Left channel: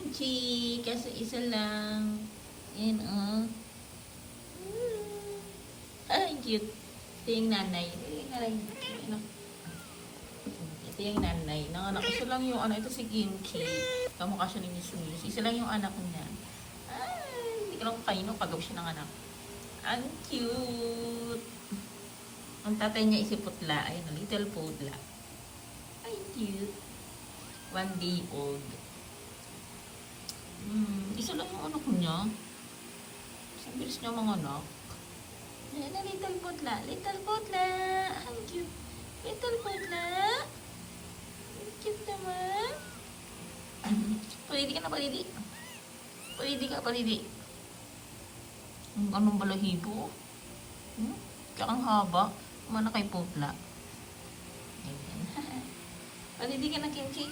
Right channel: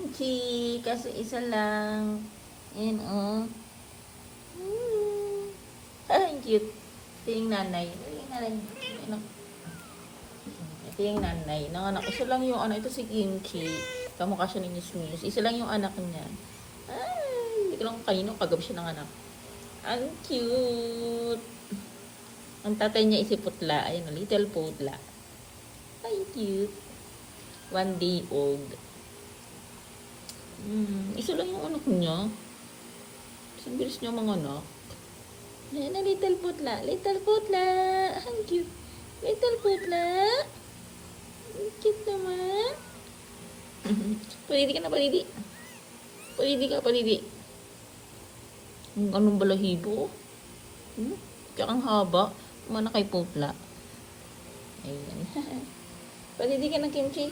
kimchi. Kaso isa lang. Ayan, oh. Ay, cute. Ito yung nanay. Ito yung nanay. Nanganak. Isa lang yung ano. Ito si Kimchi. Kamukha siya ni Miss Mus. Isa lang yung anak niya. Ay, hindi ko lang kainin. Pagabi siya ng anak. Ang cute. Ang tatay niya si Putla. Ayun, little Putla. Ay, cute. 1 day old. Isa lang yung anak niya. Isang bilis niya mga anak. Ayan na, little Putla. Little Putla. Ang cute. Little Putla. Ang cute naman. Palidi ka na, palidi. Palidi ka, palidi. Anong balahibo? Tsaka ang haba. Mana kay Putla. Ayan. Palidi ka na, Kimchi.